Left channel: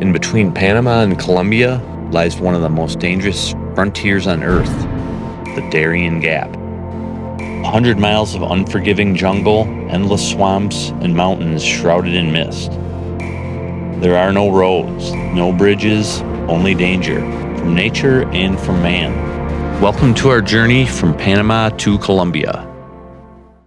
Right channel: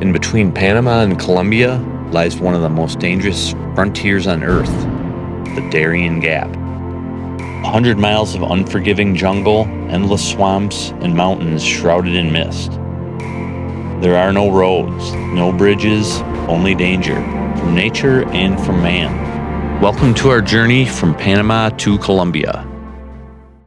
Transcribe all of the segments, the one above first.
In between Panama and Colombia lies one of the most dangerous frontiers on Earth, the Darién Gap. 100 miles of unforgiving jungle, endless swamps, and mountains shrouded in mist. There are no roads, no bridges, only danger, from nature and from man. Welcome to our journey from Panama to Colombia.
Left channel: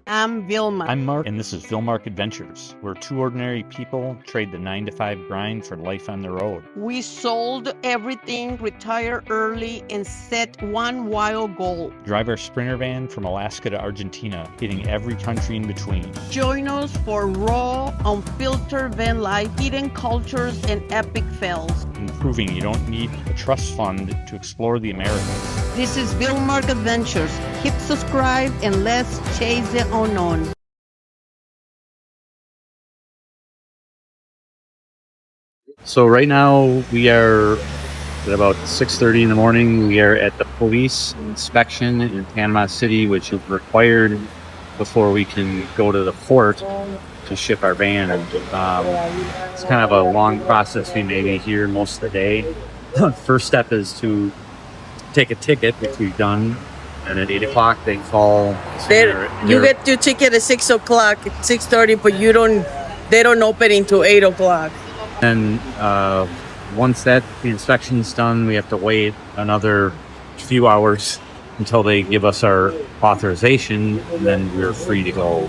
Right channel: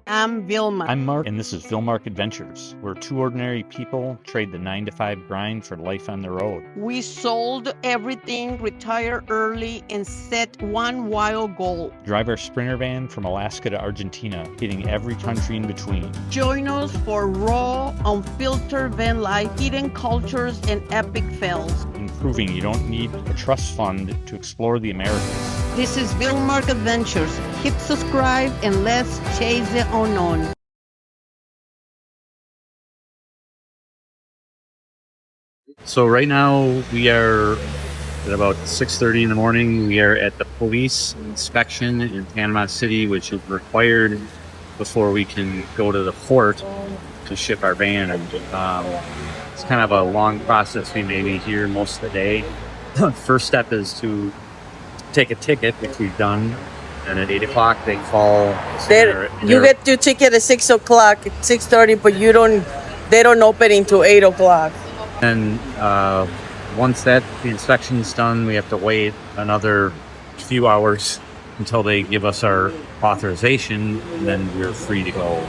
I'm Vilma. I'm Mark, and this is Vilmark Adventures, where two ordinary people trade the 9-to-5 grind for life on the road. We sold everything, retired early, and set one wild goal. Drive our Sprinter van from Alaska to Argentina, hitting every country in between. Join us for raw, unfiltered van life, hidden cultures, and epic fails. And proving you don't need a trust fund to explore the Americas. This is Vilmark Adventures. Hit subscribe and let's chase the unknown. So right now we are at about 6:30 in the morning. We are at the police inspection in Panama City, which is required before we can go to the port to ship our van. And it's kind of a long process we made in here most of the day. First step is to take a ticket, which we've done. And at 8 o'clock they call. You get your ticket at 6 o'clock, 6:30, but they don't open until 8 o'clock. And once the inspection is done, we have to wait another few hours until they give us our authorization, and then we're free to go.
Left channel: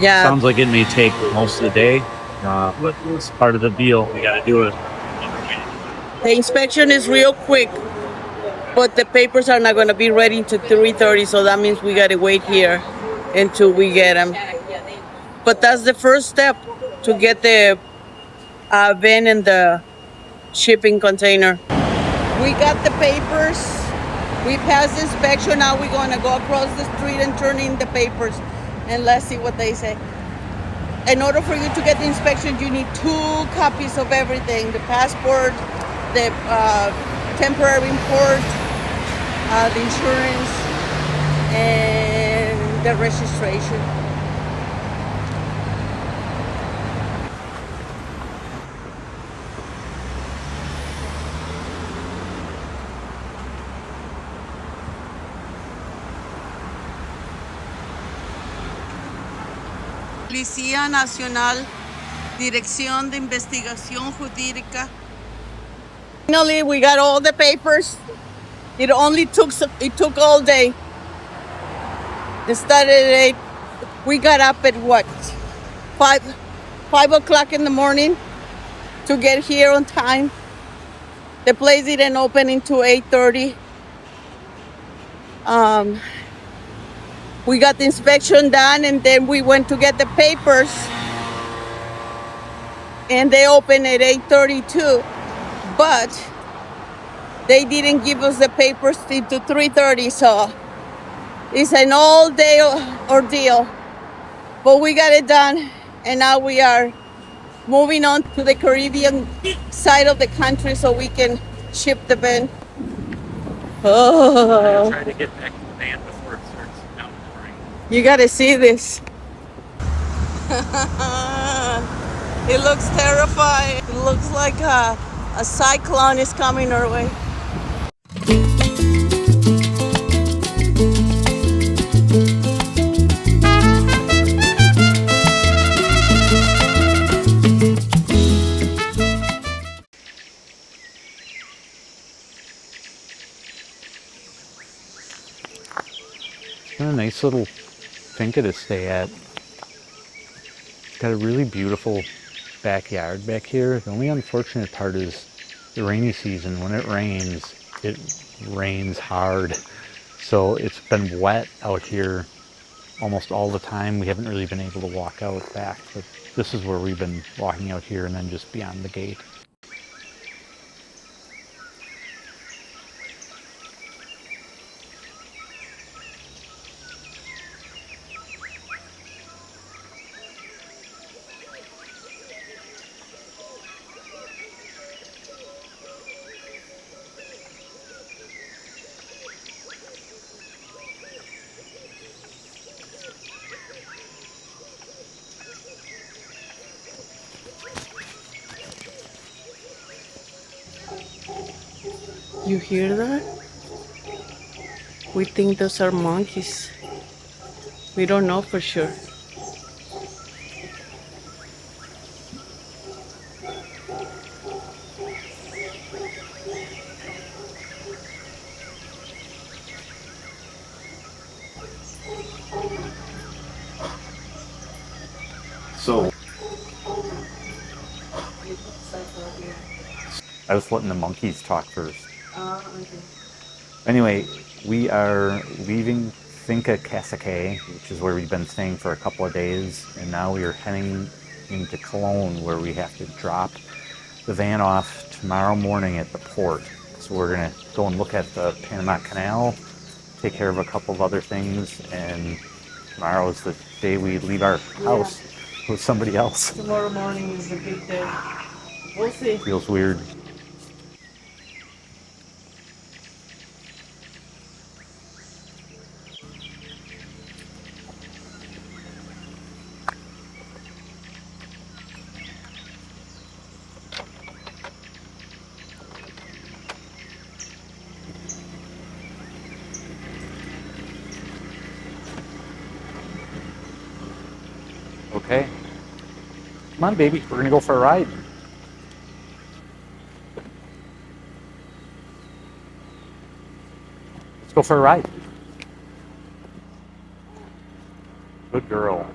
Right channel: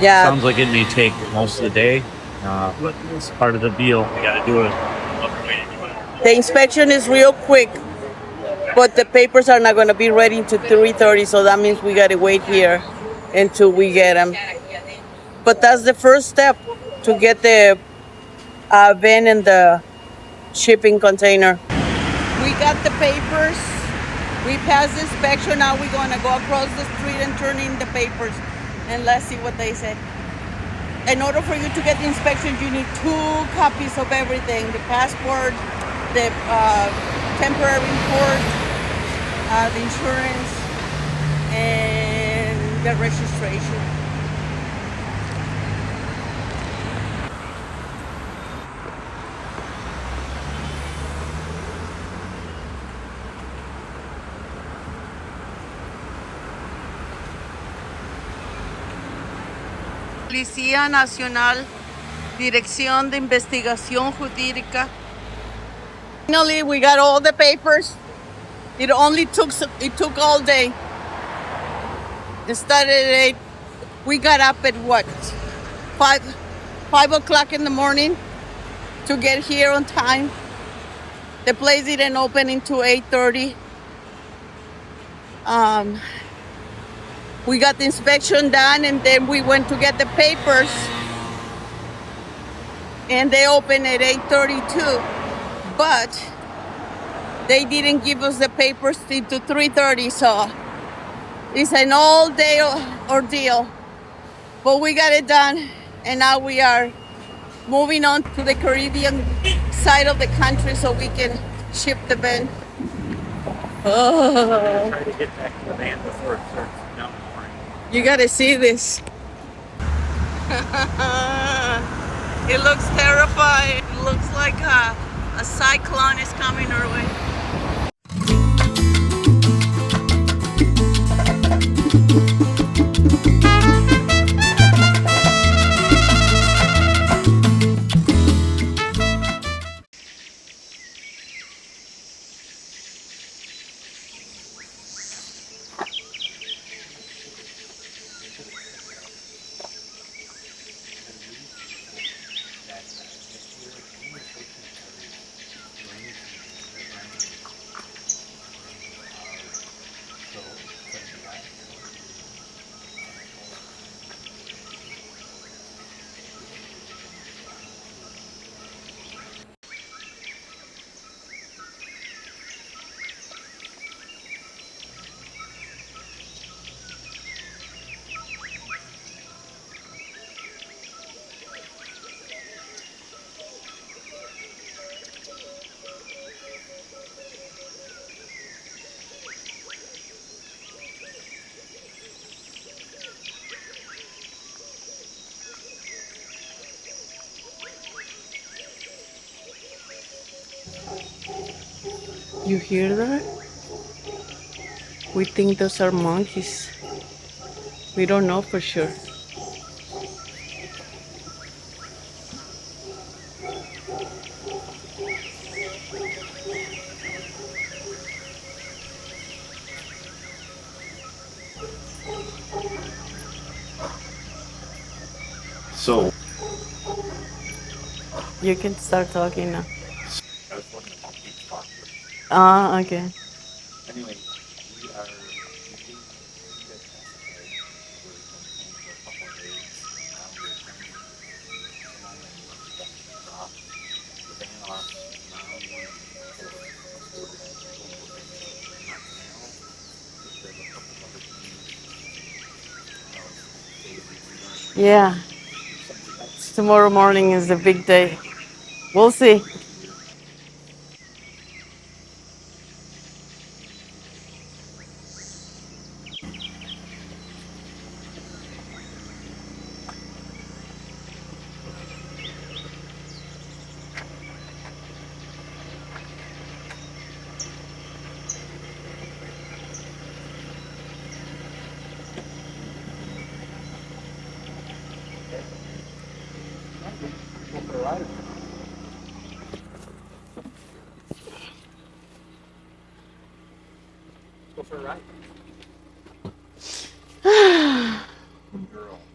Yeah. Sounds like it may take most of the day, but it's part of the deal. We got to do it. The inspection is real quick, but the papers are not going to be ready until 3:30, so that means we got to wait here until we get them. But that's the first step to get the van and the shipping container. We got the papers. We passed the inspection. Now we're going to go across the street and turn in the papers. And let's see what they say. In order for you to get the inspection, you need 2 copies of everything. The passport, the temporary import, the insurance, and the registration. Policía Nacional, Dirección de Investigación Jurídica. Finally, we got all the papers. It took all day. It started at 8. We got up at what? 5 o'clock in the morning to get here on time. The place didn't open until 8:30. We got the inspection done, and then we went to get the papers, and they opened at 8:32. But they didn't give us the papers till 3:30, so it's an all-day ordeal. But we got it done, and now we are moving on to the Caribbean side of the country so we can ship the van. Oh. Try to get back to the van before it starts downpouring. You gotta see this. It looks terrifying. It looks like a cyclone is coming our way. What a nice little finca to stay at. It's got a really beautiful backyard back here. The only unfortunate part is the rainy season. When it rains hard. So it's been wet out here almost all the time. We haven't really been able to walk out back, but this is where we've been walking out here and then just beyond the gate. You hear that? We think those are monkeys. We don't know for sure. So You can start talking now. I was letting the monkeys talk first. Ah, okay. Anyway, we are leaving Finca Cacique, which is where we've been staying for a couple of days, and now we are heading into Cologne, where we have to drop the van off tomorrow morning at the port. So we're gonna go and look at the Panama Canal, take care of a couple of other things, and tomorrow is the day we leave our Yeah. house with somebody else. Tomorrow morning is the big day. We'll see. Feels weird. Okay. Come on, baby. We're gonna go for a ride. Let's go for a ride. Good girl.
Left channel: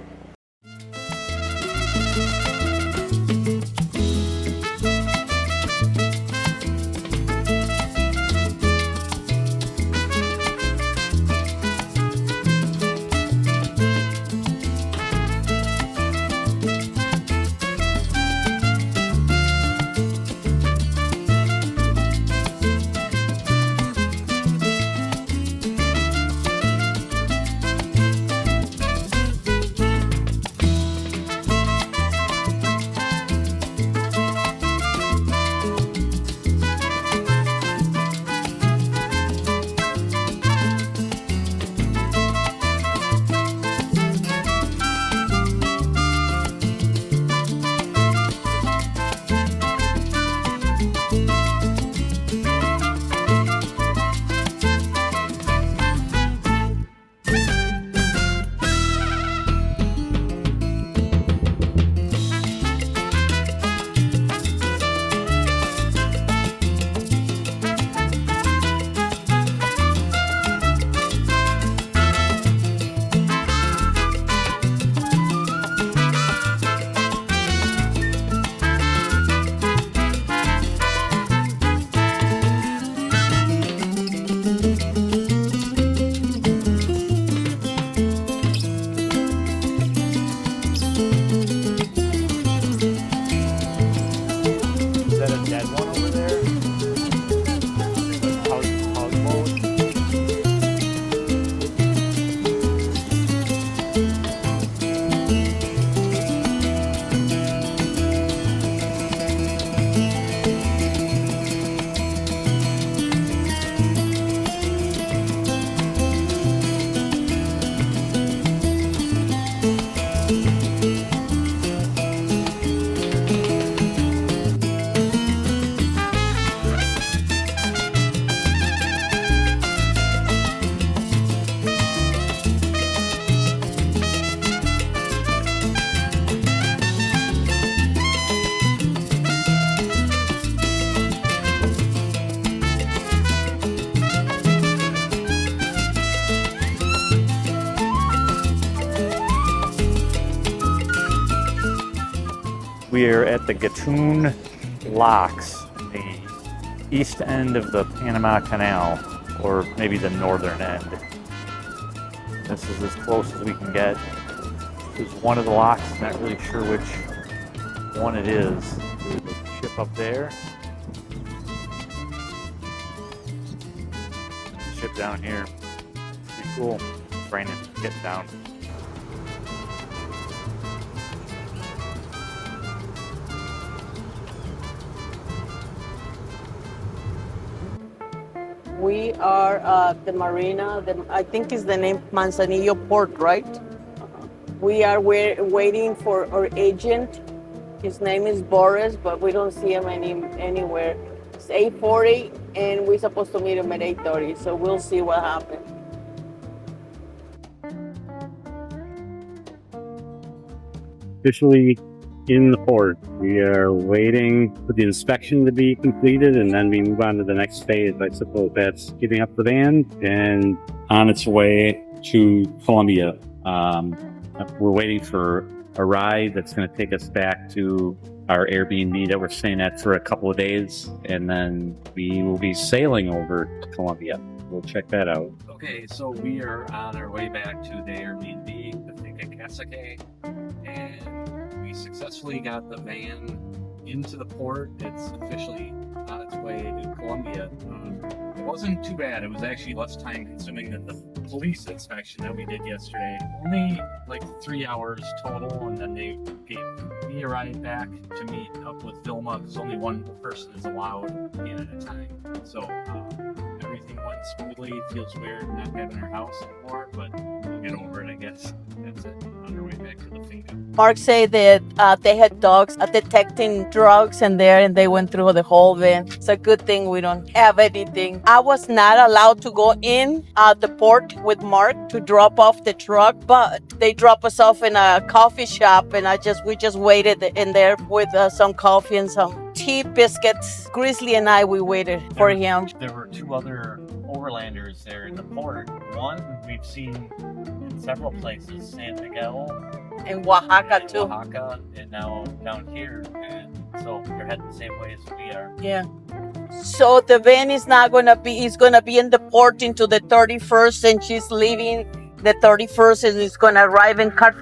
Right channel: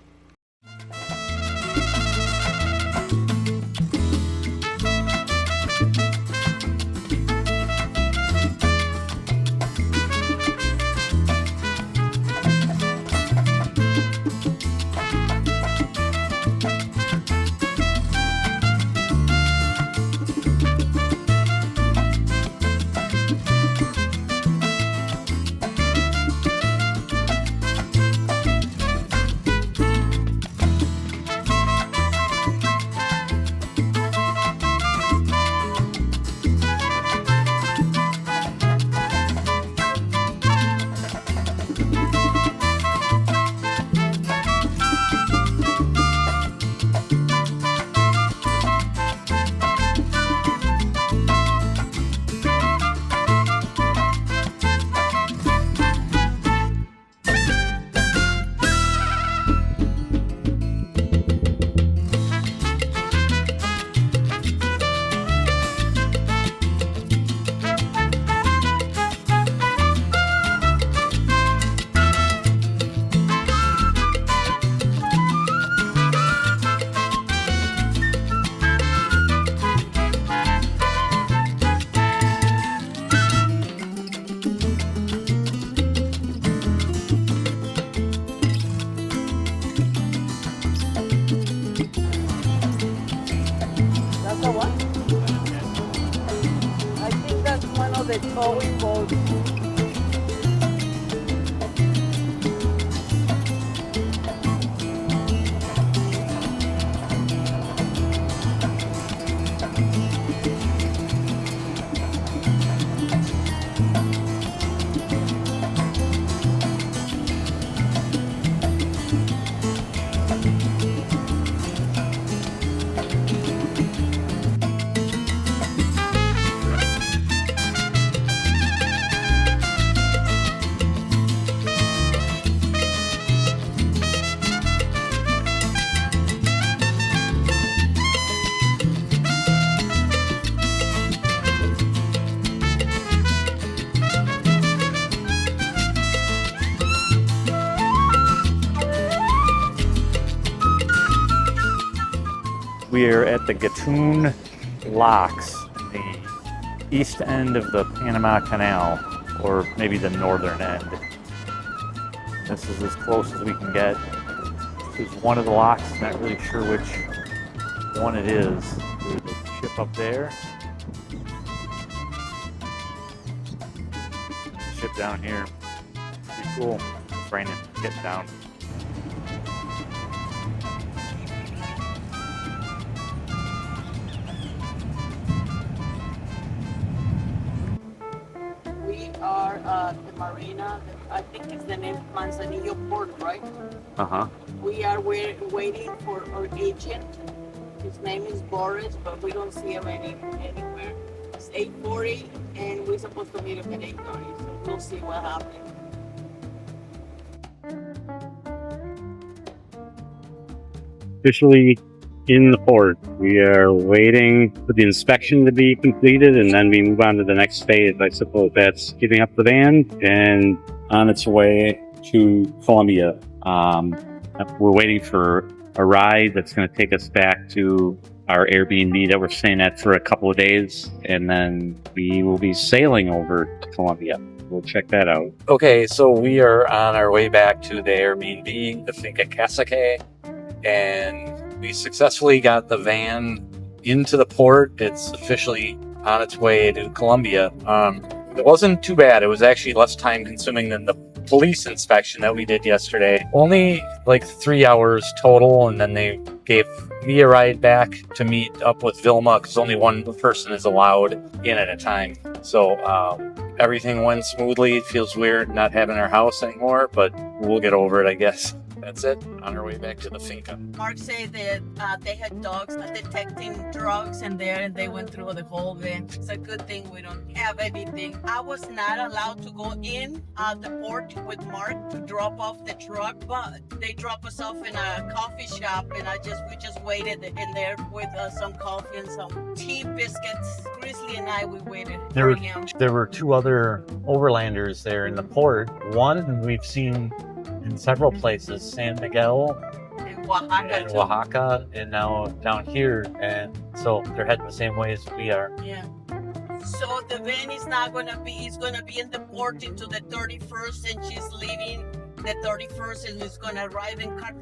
We are at the Gatun Locks, the east end of the Panama Canal, or maybe the northern end. This is as close as we can get. This is one of the locks, not really sure which one it is. There's a ship up there. Ship down here. Pretty cool. Brandon, get down. We are at the marina. I think is the name Manzanillo Port, right? Uh-huh. We are waiting for our agent. His name is Boris, but we don't see him anywhere. 8:40, and we're supposed to meet him at 8:30. So we'll see what happens. Officially in the port. We are waiting for the inspection to be completed, and then we move on to the next phase. I suppose that's getting up the van and on its way to Colombia. We're waiting for a ride that's going to take us back to our Airbnb that we're staying at for a couple of days, and then we will be sailing over to Colombia. We'll check that out. Okay, so we are on our way back to the Airbnb, the Finca Casaque, and we successfully got the van into the port. It's officially on its way to Colombia. It wasn't too bad. It was actually less time consuming than the police inspection that we did yesterday. Only like 3 hours total, and then they gave me a ride back to meet up with Vilma because only one person is allowed in at a time. So everything went smoothly. It feels weird not having our house anymore, but we'll get over it, I guess. That's it. On our way back to the finca. Mark said that they had dogs detecting drugs in there, and they went through the whole van. It's a good thing we don't have anything. I was not allowed to go in the port with Mark to drop off the truck, but they dropped us off in a coffee shop, and we just waited in there with some coffee and some tea, biscuits. Grizzly and we waited for him. There were 2 other overlanders there in the port. One we've seen in several places, San Miguel, In Oaxaca too. Oaxaca, and now down here, and so they're heading the same way as we are. Yeah. So the van is not gonna be. It's gonna be in the port until the 31st, and she's leaving the 31st, and it's gonna arrive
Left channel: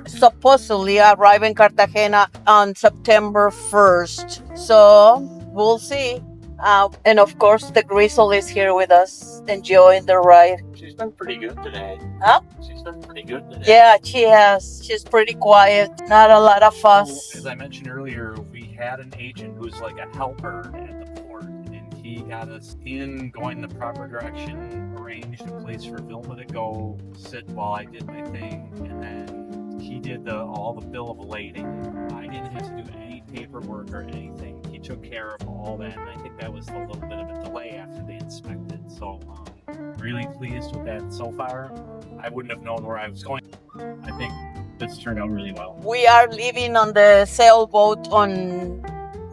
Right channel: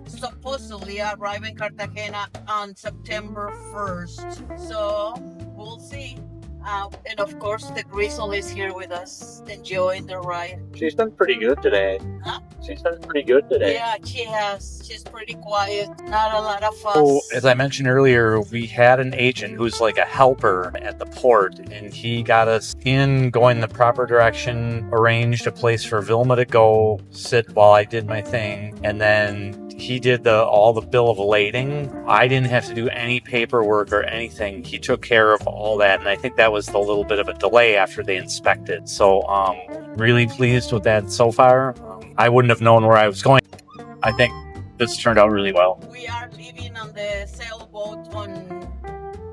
supposedly arrive in Cartagena on September 1st. So we'll see. And of course, the Grizzle is here with us, enjoying the ride. She's done pretty good today. Huh? She's done pretty good today. Yeah, she has. She's pretty quiet. Not a lot of fuss. So, as I mentioned earlier, we had an agent who's like a helper at the port, and he got us going the proper direction, arranged a place for Vilma to go sit while I did my thing, and then he did all the bill of lading. I didn't have to do any paperwork or anything. He took care of all that, and I think that was the little bit of a delay after they inspected. So really pleased with that so far. I wouldn't have known where I was going. I think this turned out really well. We are leaving on the sailboat on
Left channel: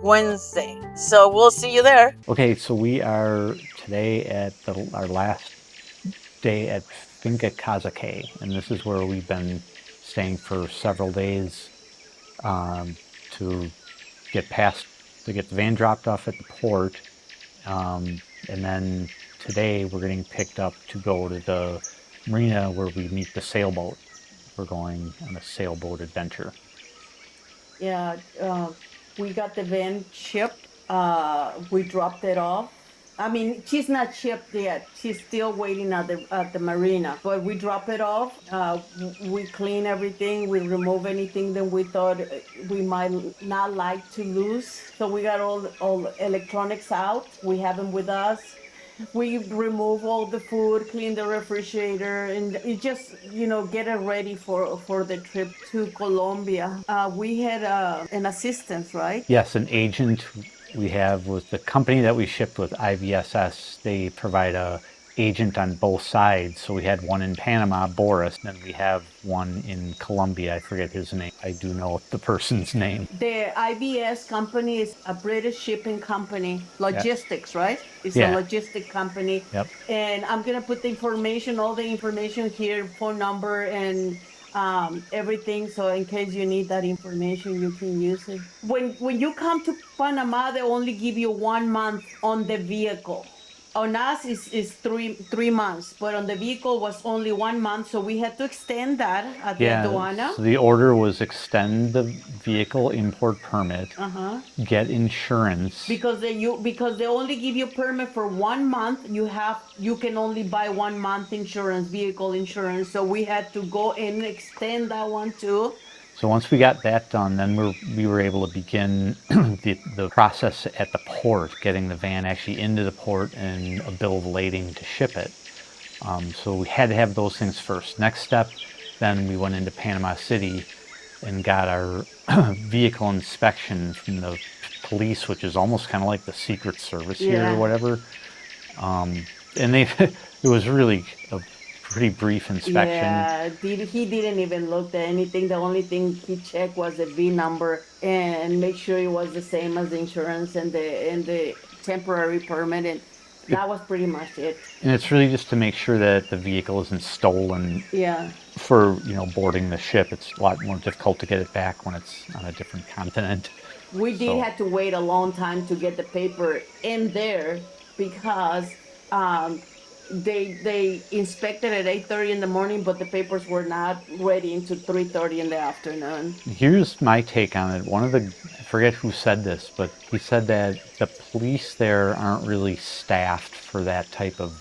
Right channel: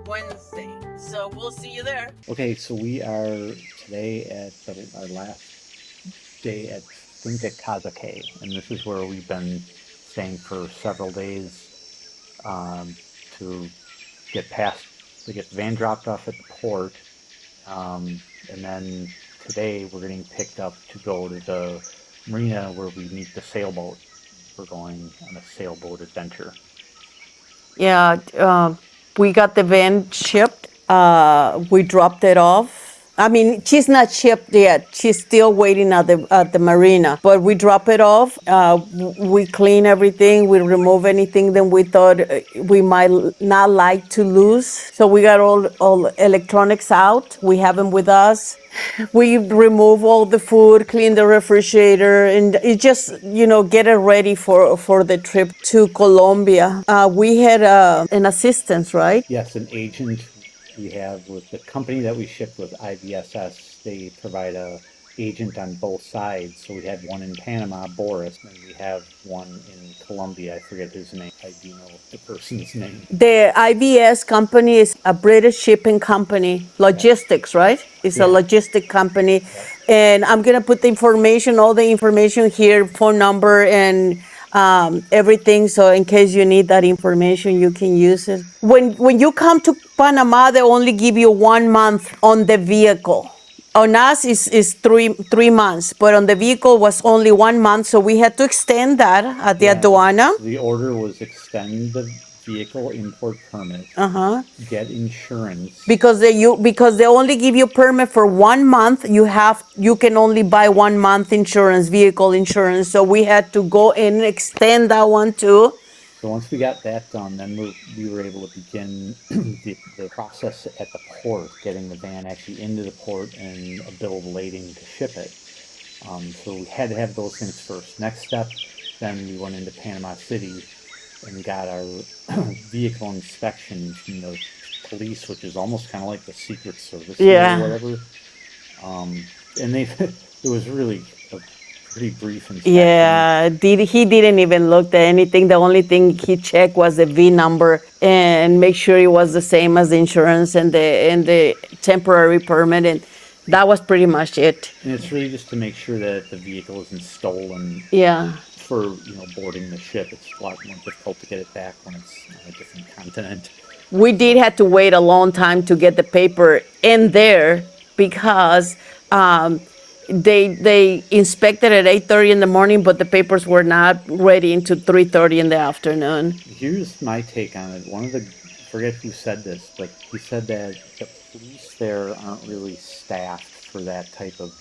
Wednesday, so we'll see you there. Okay, so we are today at our last day at Finca Casaque, and this is where we've been staying for several days to get the van dropped off at the port, and then today we're getting picked up to go to the marina where we meet the sailboat. We're going on a sailboat adventure. Yeah, we got the van shipped. We dropped it off. I mean, she's not shipped yet. She's still waiting at the marina. But we drop it off. We clean everything. We remove anything that we thought we might not like to lose. So we got all electronics out. We have them with us. We remove all the food, clean the refrigerator, and it just, get it ready for the trip to Colombia. We had an assistant, right? Yes, an agent we have with the company that we shipped with, IVSS. They provide a agent on both sides. So we had one in Panama, Boris, and we have one in Colombia. I forget his name. I do know the person's name. The IVS company is a British shipping company, logistics, right? It's a logistic company. Yep. And I'm going to put all the information here, phone number and everything. So in case you need that information, you can use it. When you come to Panama, they only give you 1 month on the vehicle. On us is three months, but on the vehicle was only 1 month, so we had to extend that at the aduana. So the order was extend the vehicle import permit, get insurance. Because they only give you permit for 1 month, you can only buy 1 month insurance, vehicle insurance. So we had to go and extend that one too. So once we got that done, then we were able to begin the process at the port, getting the van actually into the port and a bill of lading to ship it. So we had to have those things first. Next step, then we went into Panama City and got our vehicle inspection from the police, which is almost kind of like the Secret Service Yeah. here or whatever. And they, it was really a pretty brief inspection. Yeah, he didn't even look at anything. The only thing he checked was the V number and make sure it was the same as the insurance and the temporary permit, and that was pretty much it. And it's really just to make sure that the vehicle isn't stolen. Yeah. For, boarding the ship. It's a lot more difficult to get it back when it's on a different continent. We did have to wait a long time to get the paper in there because they inspected at 8:30 in the morning, but the papers were not ready until 3:30 in the afternoon. Here's my take on it. I forget who said this, but he said that the police there aren't really staffed for that type of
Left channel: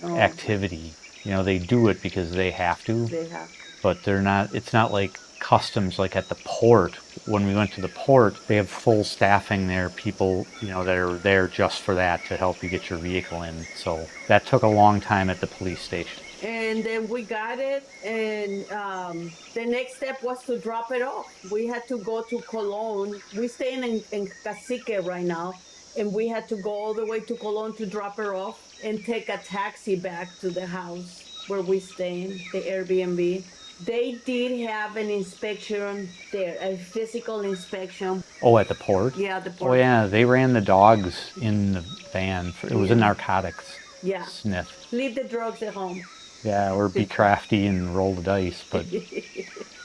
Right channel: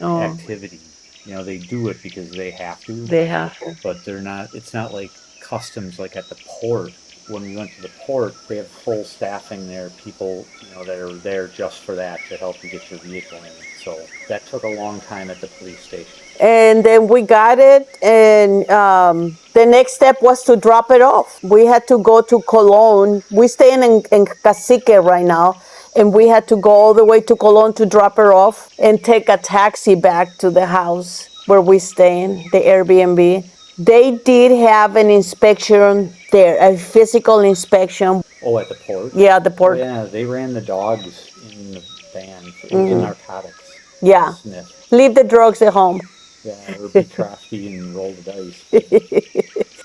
activity. They do it because they have to. They have to. But they're not, it's not like customs like at the port. When we went to the port, they have full staffing there, people, that are there just for that, to help you get your vehicle in. So that took a long time at the police station. And then we got it, and the next step was to drop it off. We had to go to Cologne. We're staying in Cacique right now, and we had to go all the way to Cologne to drop her off and take a taxi back to the house where we staying, the Airbnb. They did have an inspection there, a physical inspection. Oh, at the port? Yeah, at the port. Oh, yeah, they ran the dogs in the van. It was a narcotics sniff. Leave the drugs at home. Yeah, or be crafty and roll the dice. But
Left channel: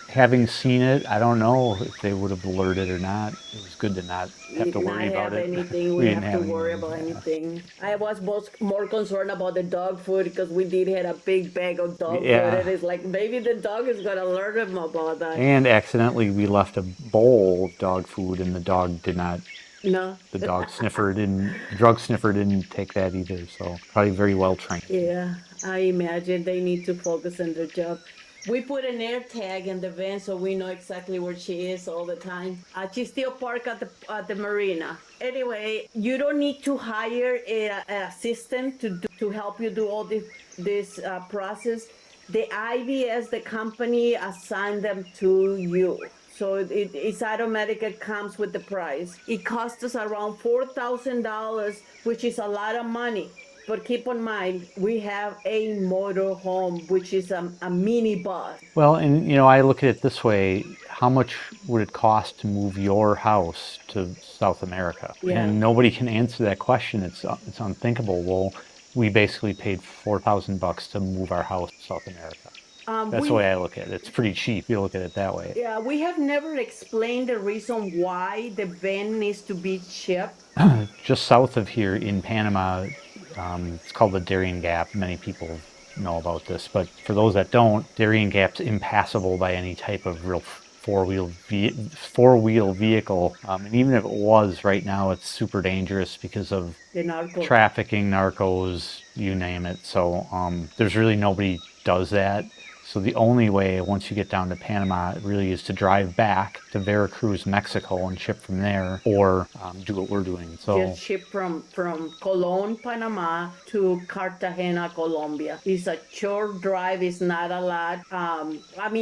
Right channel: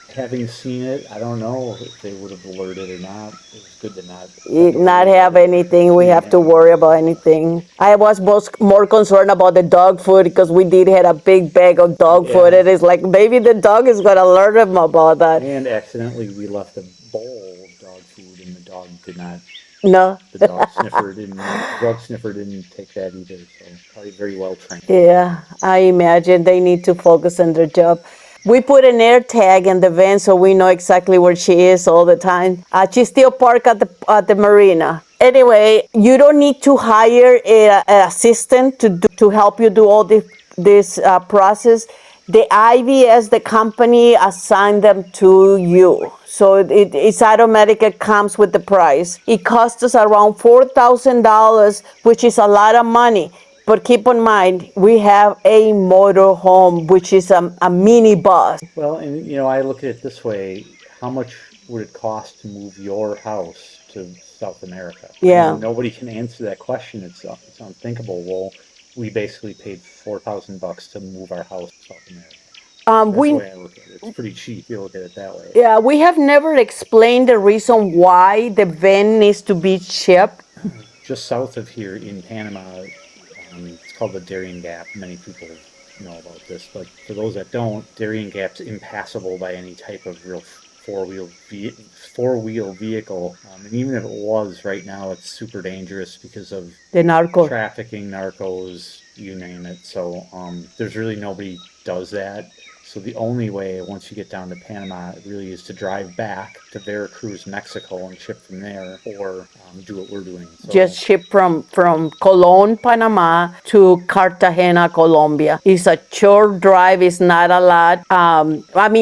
having seen it, I don't know if they would have alerted or not. It was good to not have anything. We have to worry about anything. I was more concerned about the dog food because we did have a big bag of dog food. And it's like, maybe the dog is going to alert them about that. And accidentally, we left a bowl of dog food, and the dog did not. No. The drug sniffer didn't take that either, so probably very well trained. Yeah, I imagine they need to focus on their job. We put an air tag in the van so we know exactly where she is all the time. She's still parked at the marina. Anyway, you don't need to hire an assistant to help you do all this process. The IVS, the company, assigned them to you. So it's automatic, it comes with the price. It costs us around $4,000, which is a lot of money. But keep in mind, we have a motor home, which is a mini bus. Well, and I look at it this way: how much would it cost to move your house to South America? Yeah. And nobody can answer that question. It's unthinkable. Well, we basically paid $4,000 to move our house to South America. That's the way I look at it. It's pretty cheap. You look at it that way. Yeah, we have never explained the reason why the van needs to be shipped. Just south of here in Panama, it's called the Darién Gap. Many people know about this, but for those that don't, Darién Gap's impassable by any type of real four-wheel vehicle. And even if it was, right now it's super dangerous because of the trafficking, narcos, you name it. So there's really nobody does that. So the only way, once you get down to Panama, really is to drive back to Veracruz, Mexico, and ship from there, or do what we're doing. So, just ship from Cologne, Panama to Cartagena, Colombia. It's a short drive. It's not a lot.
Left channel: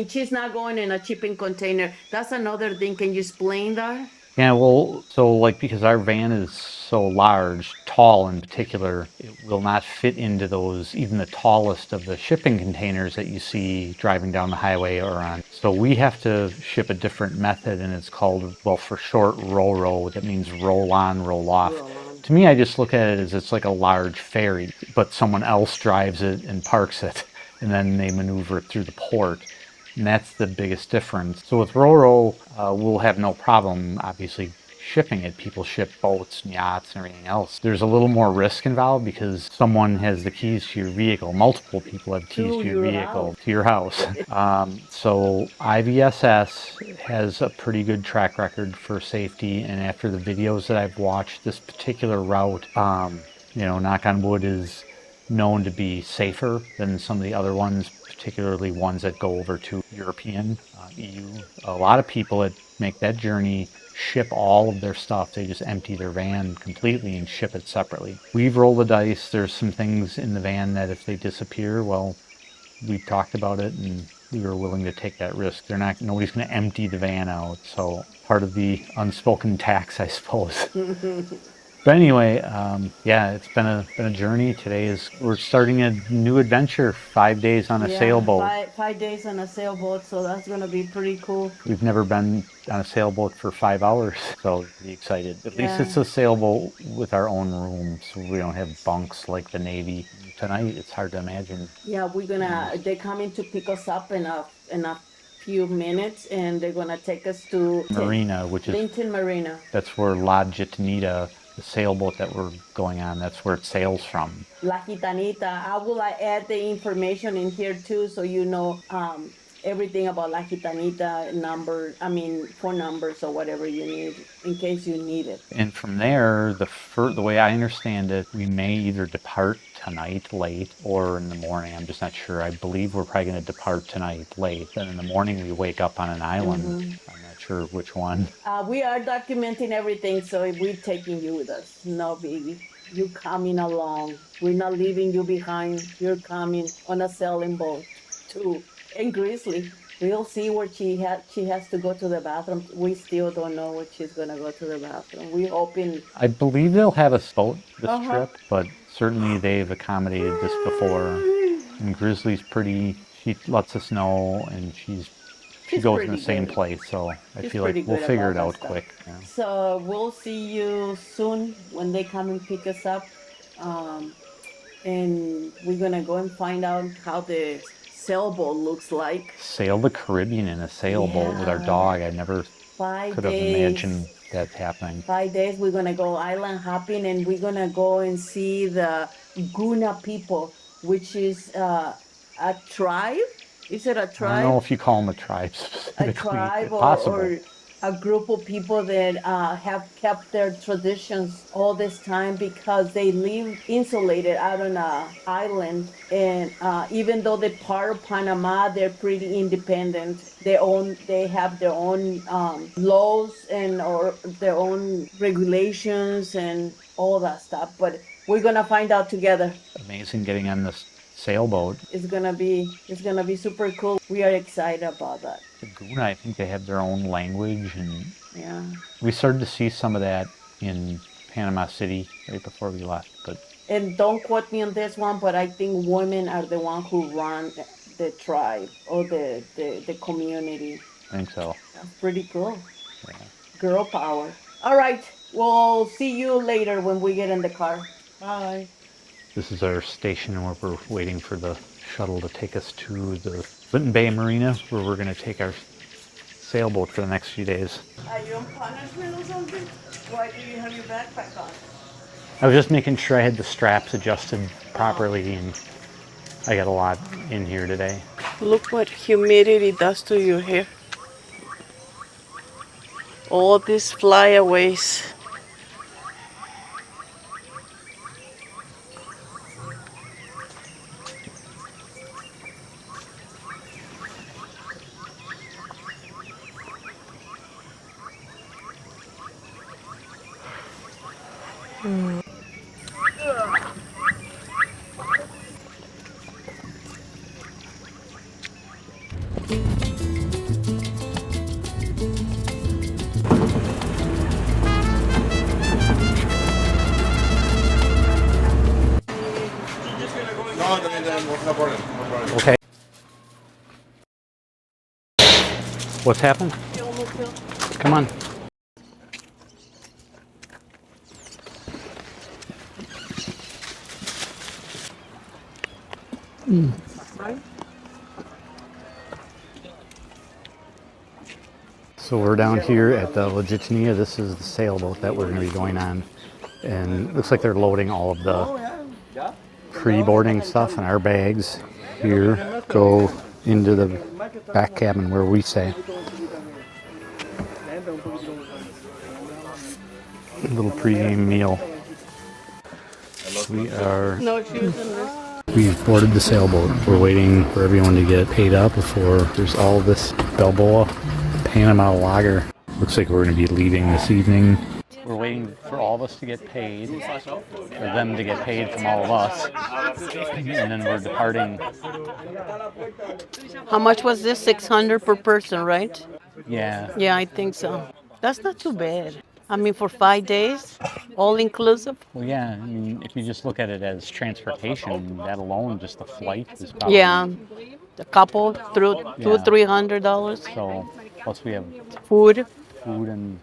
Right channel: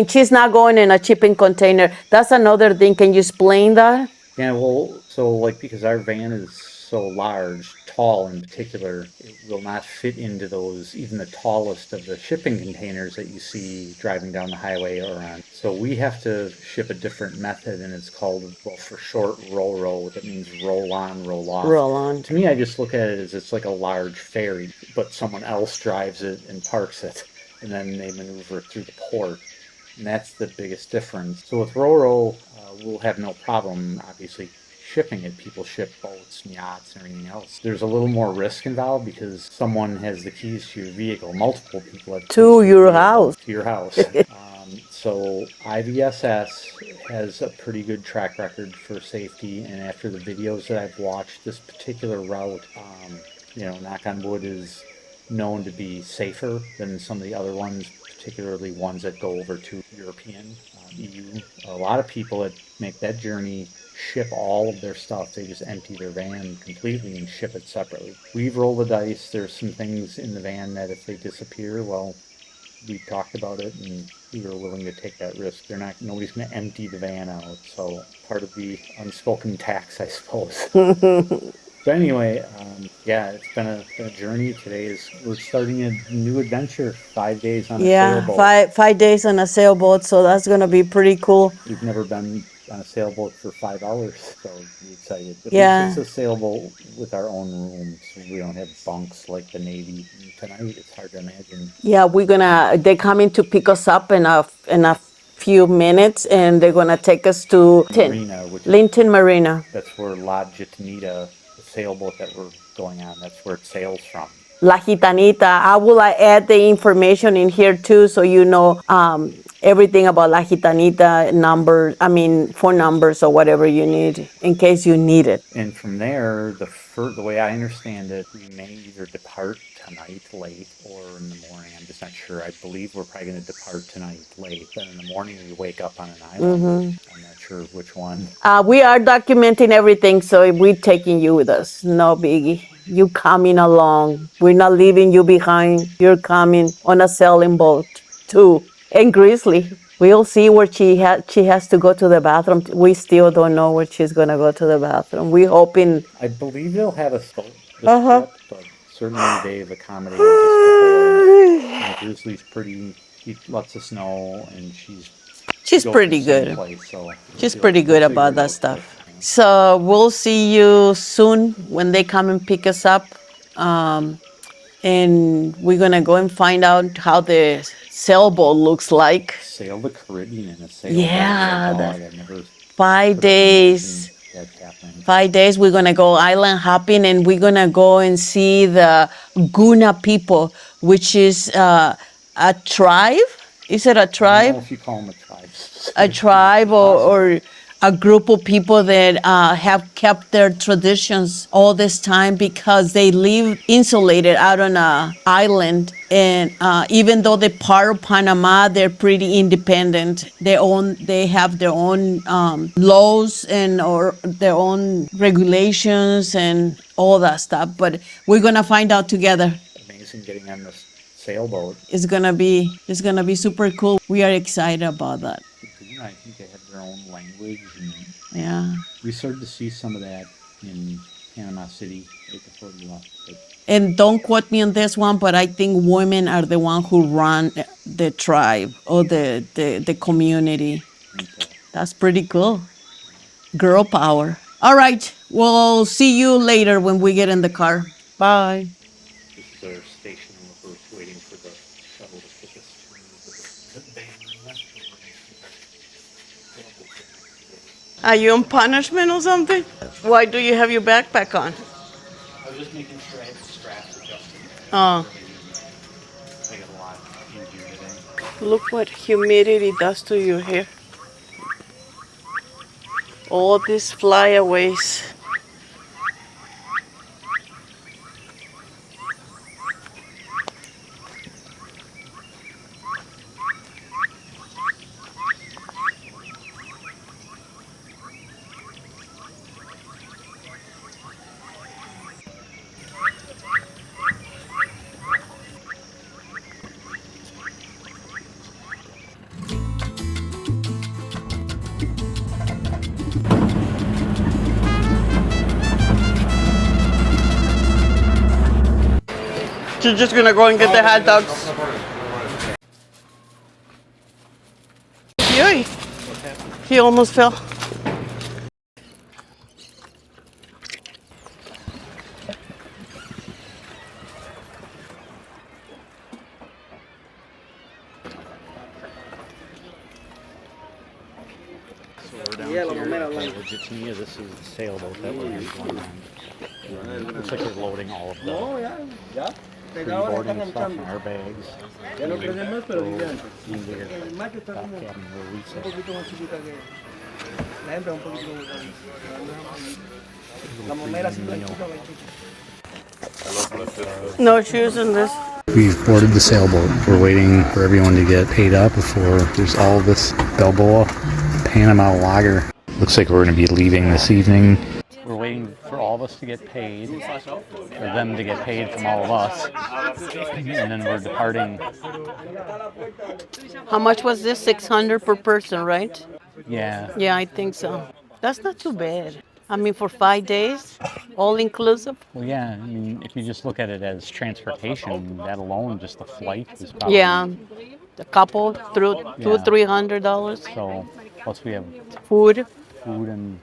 She's not going in a shipping container. That's another thing. Can you explain that? Yeah, well, so because our van is so large, tall in particular, it will not fit into those, even the tallest of the shipping containers that you see driving down the highway or on. So we have to ship a different method, and it's called, for short, ro-ro. That means roll on, roll off. Roll on. To me, I just look at it as it's like a large ferry, but someone else drives it and parks it, and then they maneuver it through the port. And that's the biggest difference. So with ro-ro, we'll have no problem, obviously, shipping it. People ship boats and yachts and everything else. There's a little more risk involved because someone has the keys to your vehicle. Multiple people have keys to your house. To your house. So IVSS has a pretty good track record for safety, and after the videos that I've watched, this particular route, knock on wood, is known to be safer than some of the other ones, particularly ones that go over to European, EU. A lot of people that make that journey ship all of their stuff. They just empty their van completely and ship it separately. We've rolled the dice. There's some things in the van that if they disappear, well, we've talked about it, and we were willing to take that risk. Nobody's going to empty the van out. So part of the unspoken tax, I suppose. But anyway, yeah, it's been a journey. We're starting a new adventure. 5 days on a sailboat. Five days on a sailboat. So that's gonna be pretty cool. We've never been on a sailboat for 5 hours, so be excited. At Yeah. least it's a sailboat with our own room, so we don't have bunks like the Navy. Tonight, it's hard to imagine. Yeah, they're coming to pick us up in a few minutes, and they're gonna take us to Marina, which is Linton Marina. that's where La Gitanita, the sailboat that we're going on, that's where it sails from. La Gitanita. I will add the information in here too, so you know everything about La Gitanita, phone numbers or whatever you need in case you need it. And from there, the way I understand it, we may either depart tonight late or in the morning. I'm just not sure. I believe we're probably going to depart tonight late. Then in the morning, we wake up on an island. I'm not sure which one. We are documenting everything, so we're taking you with us. No biggie. You coming along. We're not leaving you behind. You're coming on a sailing boat too. And Grizzly, we'll see where she has to go to the bathroom. We still don't know where she's gonna go to the bathroom. We're hoping. I believe they'll have a boat this trip, but certainly they've accommodated this before. And Grizzly's pretty. She lets us know, and she's Pretty good. Place, so She's pretty good about that stuff. Quick, yeah. So we'll see you soon when they come and pick us up. And we're gonna go and find out how the sailboat looks like. Sail the Caribbean in a sailboat with Yeah, a dog. I never 5 could have days. imagined that happening. 5 days, we're gonna go island hopping, and we're gonna go and see the Guna people, which is a tribe. Is it a I don't tribe? know if you call them a tribe. A tribe or a group of people that have kept their traditions all this time because they live insulated out on an island. And even though they're part of Panama, they're pretty independent. They have their own laws or their own regulations and all that stuff. But we're gonna find out together. Amazing getting on this sailboat. It's gonna be super cool. We are excited about that. The Guna, I think they have their own language, and Yeah. we started to see some of that in Panama City right before we left. But And don't quote me on this one, but I think women are the one who run the tribe or the community. I think so. That's pretty cool. Girl power. All right. We'll see you later when we get in the car. Bye. This is our station where we're waiting for the shuttle to take us to the Linton Bay Marina, where we're going to take our sailboat for the next few days. Are you on punishment or something? Why do you have your backpack on? I was just making sure I had the straps adjusted properly, and I got a lot in here today. Look what humidity does to your hair. All these flyaways. She's just gonna go and get the hot dogs. Okay. Yay, What's happened? he almost fell. Come on. So we're down here at the La Gitanilla. This is the sailboat that we're going to be going on. And it looks like they're loading all of the pre-boarding stuff in our bags here. Go into the back cabin where we stay. A little pre-game meal. No shoes in this. We've boarded the sailboat. We're waiting for everyone to get paid up before there's all this Balboa Panama lager. Looks like we're going to be leaving this evening. We're waiting for all all of us to get paid, for them to get paid from all of us, and then we're departing. How much was this? 600 per person, right? Yeah, Yeah, I think so. That's not too bad. I mean, for 5 days, all inclusive. well, yeah, I mean, if you just look at it as transportation, that alone, just the flight is probably... Yeah, a couple through Yeah. $200-300. So, plus we have Food. food and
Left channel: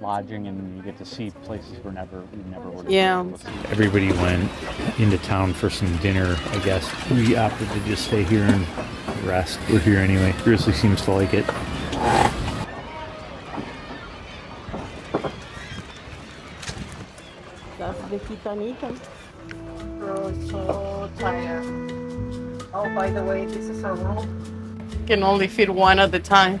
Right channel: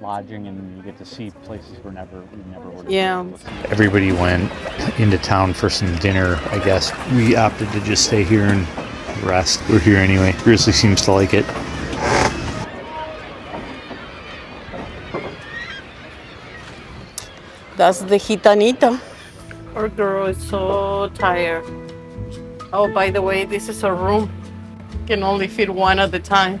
lodging, and you get to see places we never would have Yeah. been able to see. Everybody went into town for some dinner, I guess. We opted to just stay here and rest. We're here anyway. Grizzly seems to like it. That's the gitanita. Poor girl is so tired. Oh, by the way, this is a room. Can only fit one at a time.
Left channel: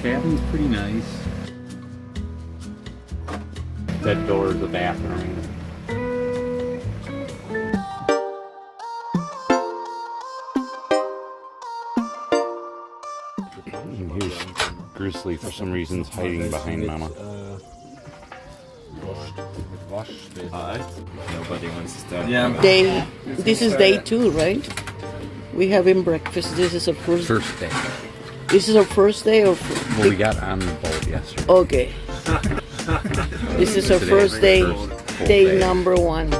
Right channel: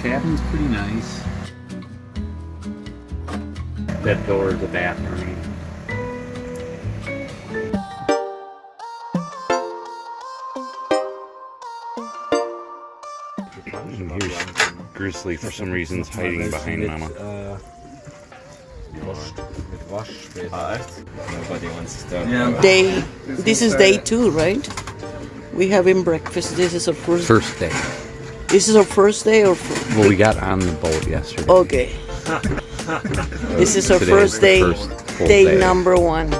Cabin's pretty nice. That door is a bathroom. And here's Grizzly for some reason is hiding behind Mama. This is day 2, right? We having breakfast. This is our first. First day. This is our first day, or Well, we got on the boat yesterday. okay. This is our Today first is day, the first full day day. number 1.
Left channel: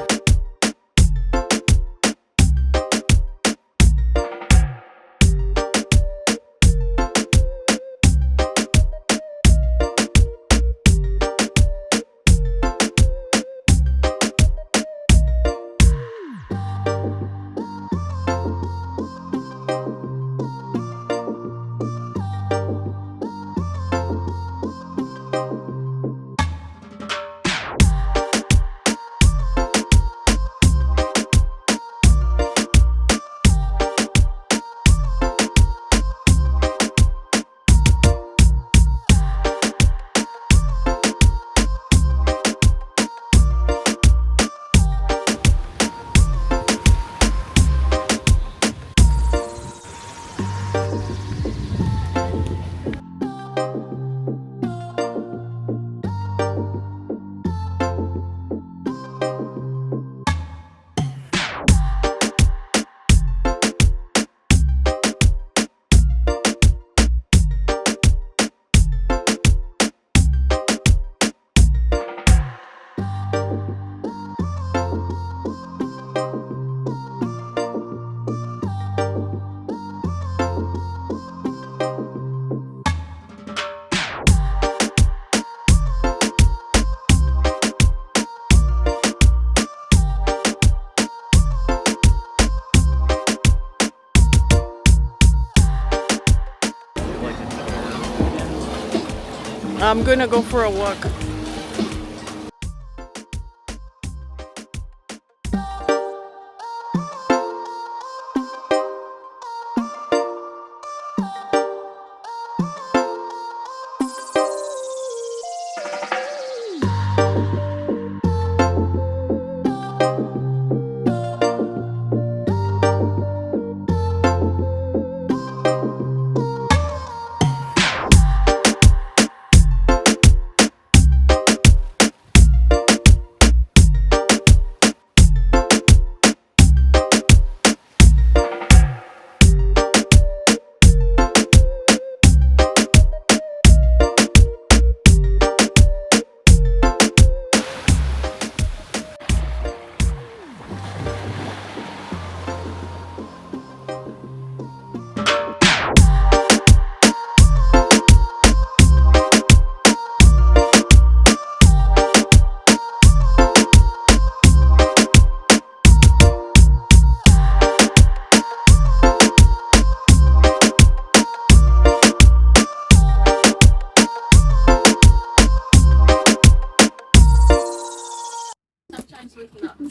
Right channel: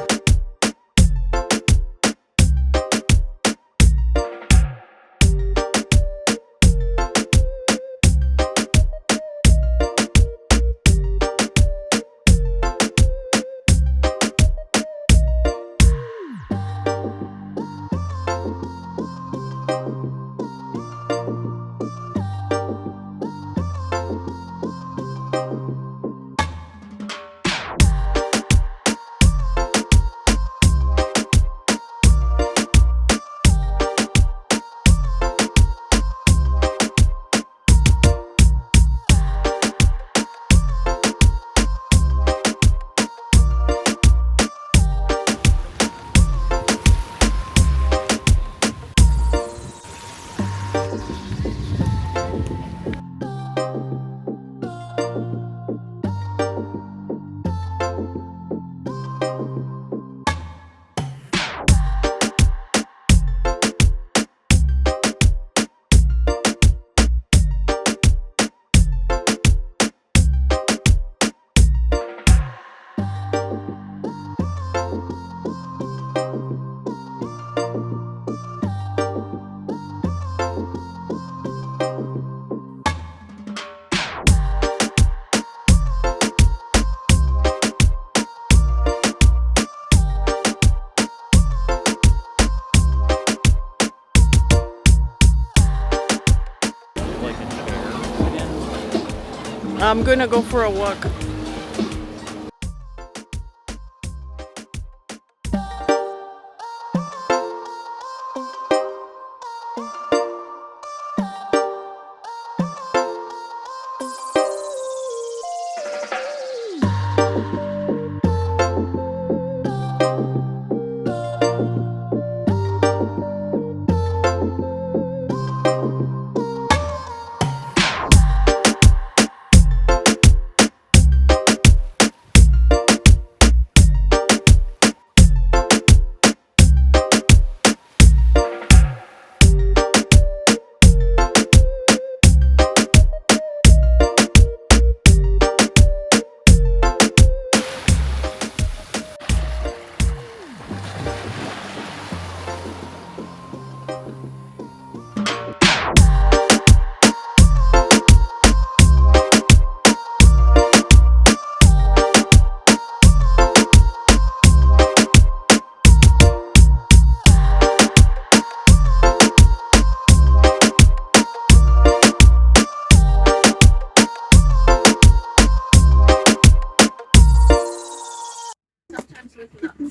I'm gonna go for a walk.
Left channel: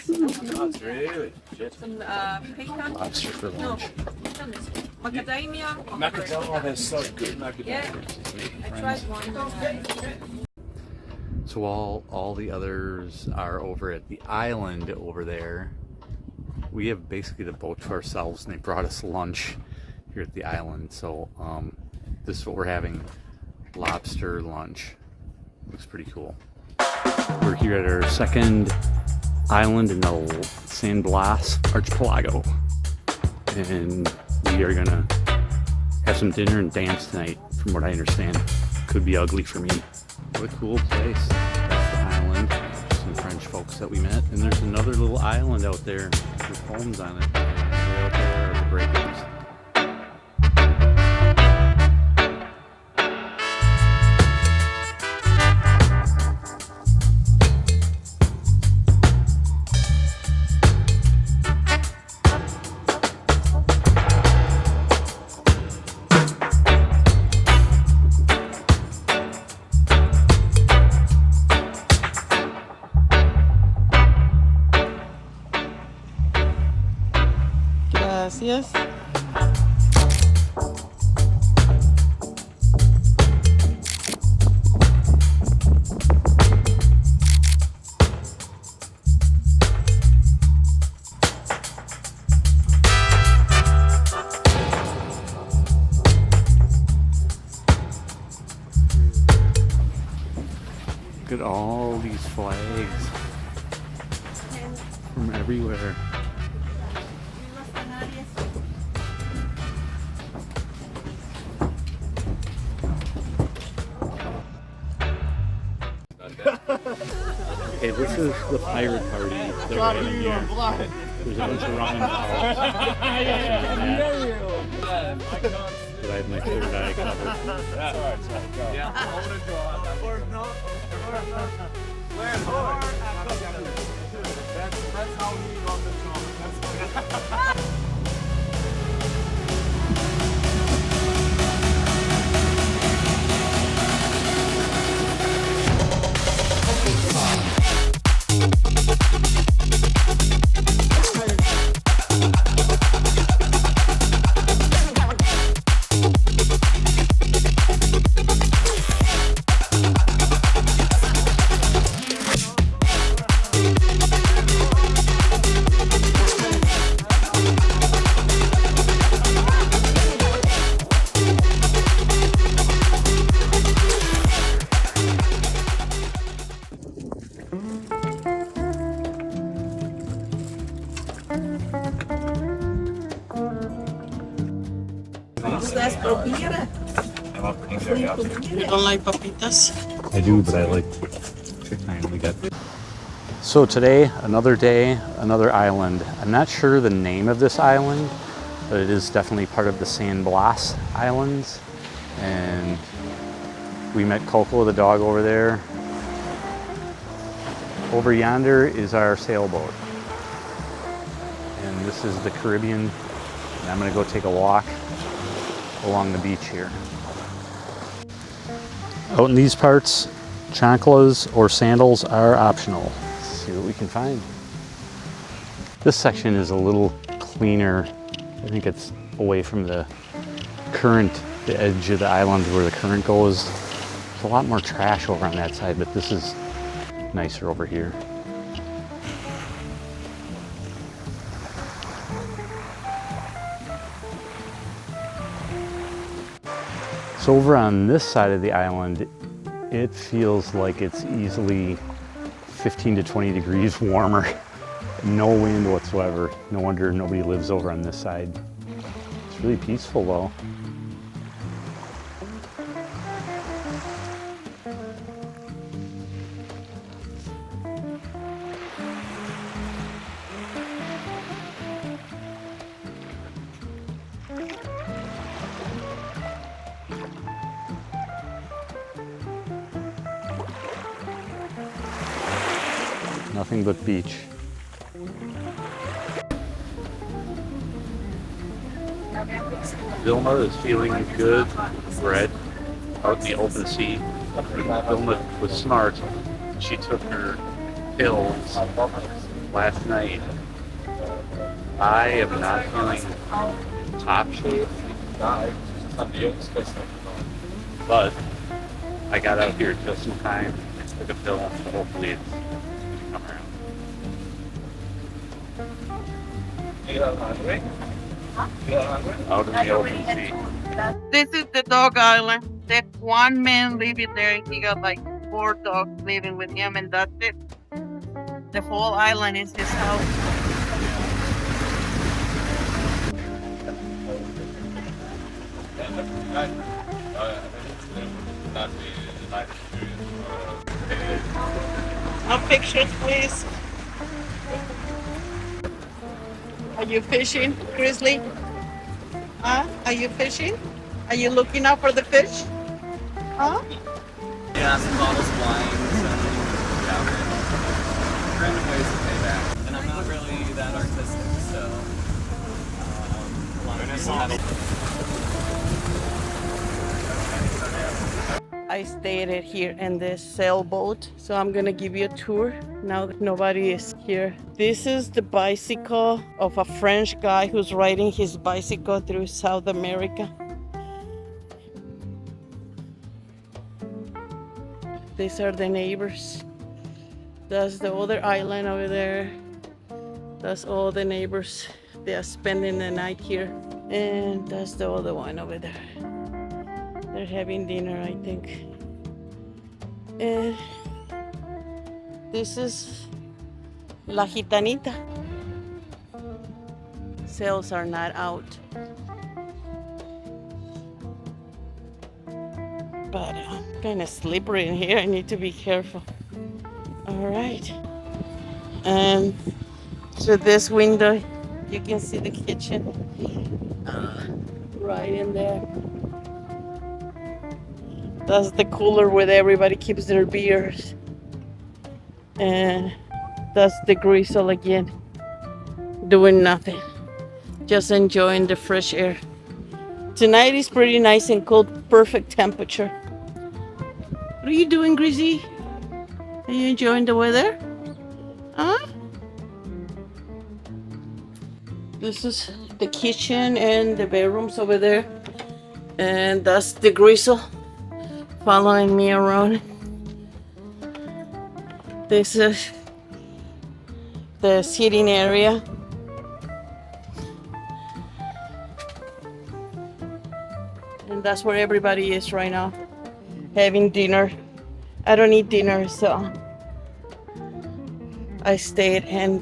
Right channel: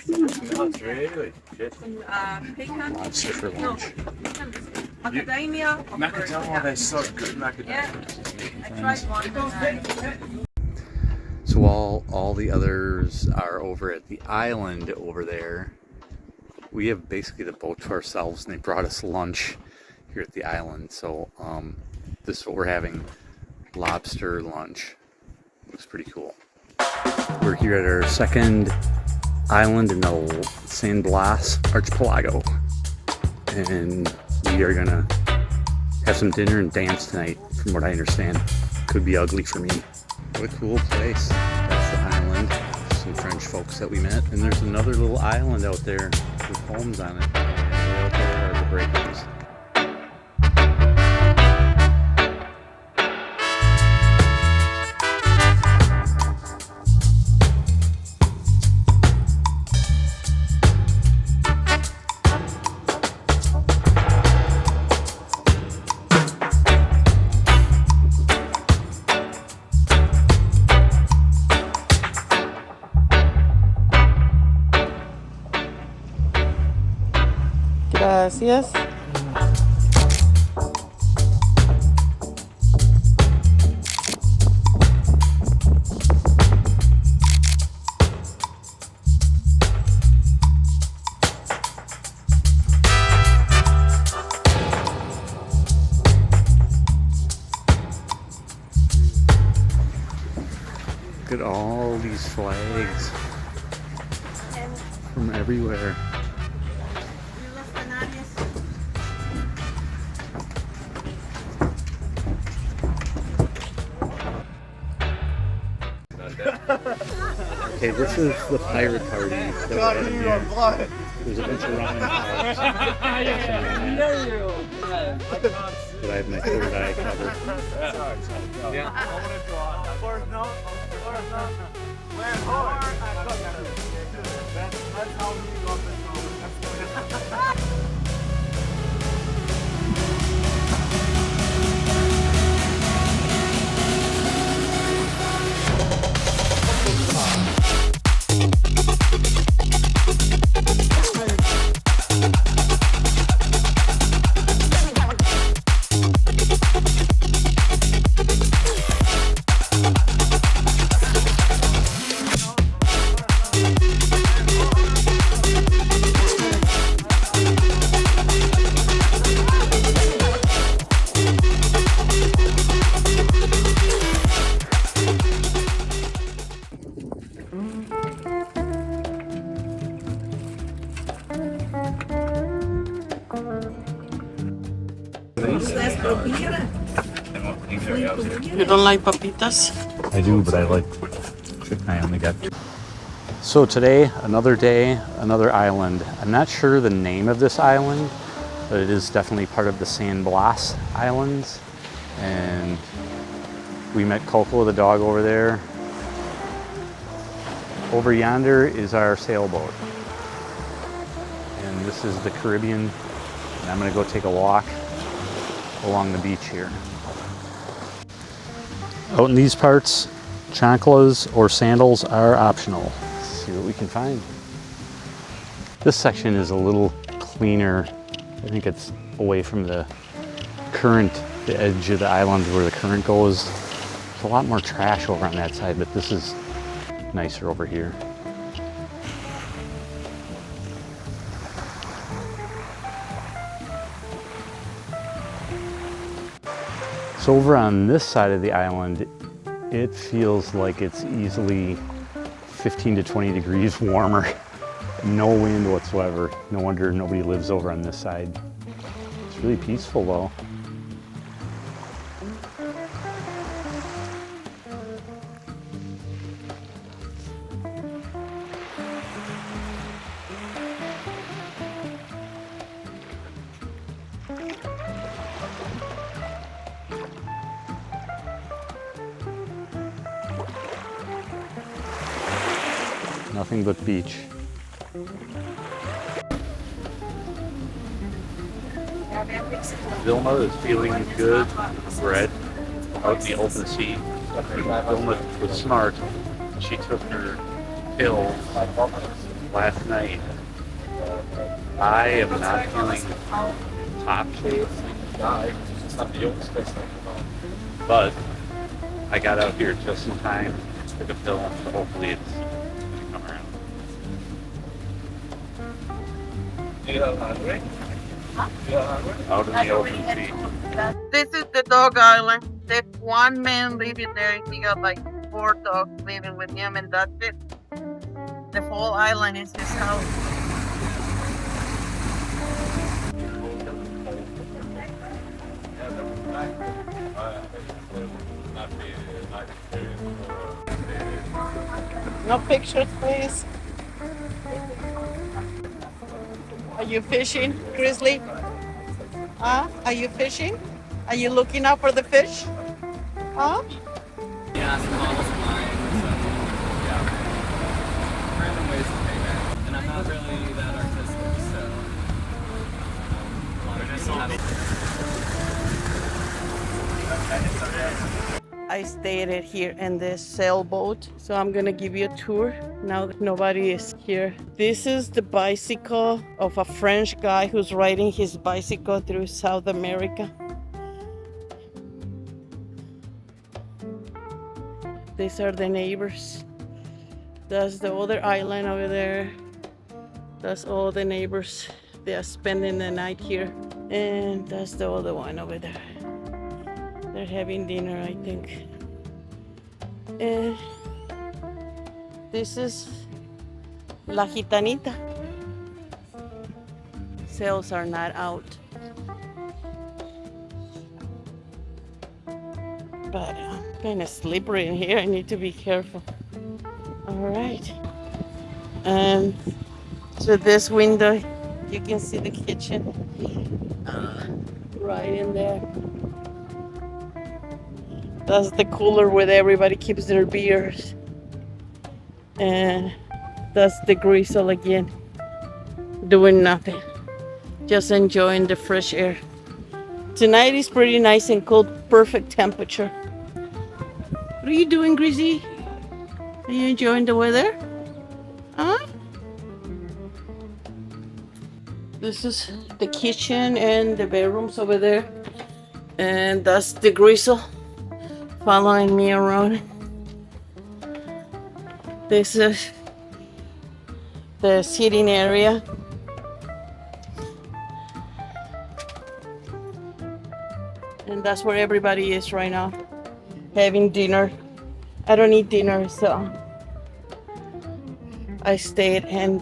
Nuts, really? Some pecan. Lobster for lunch. Macadamia. Macadamia, they're so good. Macadamia. Yeah, I tried one. So while all the others are over at the island over there, we have basically the boat to ourselves, and they brought us lunch here at the island. So this is what we're having: lobster lunch. Looks pretty cool. We're here at our second island in the San Blas Archipelago. And we are gonna have some dinner and dance tonight, from what I understand. Could be ugly for me. What a cool place. That's the island. Some French folks that we met. And there's another little island out there with homes on it. And way out there are the breakers. Gracias. Look at all these flags from everywhere. Okay, this is the pirate party that we're having here. There's a bunch of rum and but I have my third eye covered. That's how he got the comment. You don't like papitas? I do, but I like chicken. I only got. So today, another day, another island. I'm not sure the name of this island, but it is definitely part of the San Blas Islands. And we met Coco, the dog, over there. Over yonder is our sailboat. And this is the Caribbean. And I'm gonna go take a walk along the beach here. Out in these parts, chanclas or sandals are optional. Let's see what we can find. This section is a little cleaner. I think it's away from the current, the edge of the island where the current goes. There's a lot more trash over on that side, but this is nicer over here. So over on this side of the island, it feels like it's easily 15 to 20 degrees warmer. No wind whatsoever. No wonder nobody lives over on this side. It's really peaceful though. Nothing but beach. Vilma is feeling good. We're out in the open sea. Vilma was smart. She took her pills last night. I am not feeling in top shape, but I got out here just in time, took a pill, so hopefully it's going to come around. Out in the open sea. This is the dog island. There's one man living there and he got like 4 4 dogs living with him, and that's it. The whole island is his house. No pictures, please. Are you fishing, Grizzly? Huh? Are you fishing? Are you looking out for the fish? Huh? Yeah, some bottles flying. Random ways to pay that. And I'm not really that artistic, so a lot of people have. I stayed here in this sailboat, so I'm gonna give you a tour now that nobody is here. This is the bicycle of a French guy who's riding his bicycle through South America. These are the neighbors. That's the other island over there. That's all the neighbors. They are spending the night here. And that's the other one over there. They're having dinner, I think. And this is La Gitanita. Sails are not out. But kind of slippery in here. I need to be careful. All right. And through this window, you can see the kitchen right in there. That's the cooler where everybody keeps their beers. And that's the Grizzle again, doing nothing, just enjoying the fresh air. Tonight is pretty nice and cold, perfect temperature. What are you doing, Grizzy? Are you enjoying the weather? Huh? This is the kitchen and the bedrooms over there. And that's the Grizzle following me around. This is the sitting area. And that's where everybody is right now, having dinner. I don't eat dinner, so I stayed and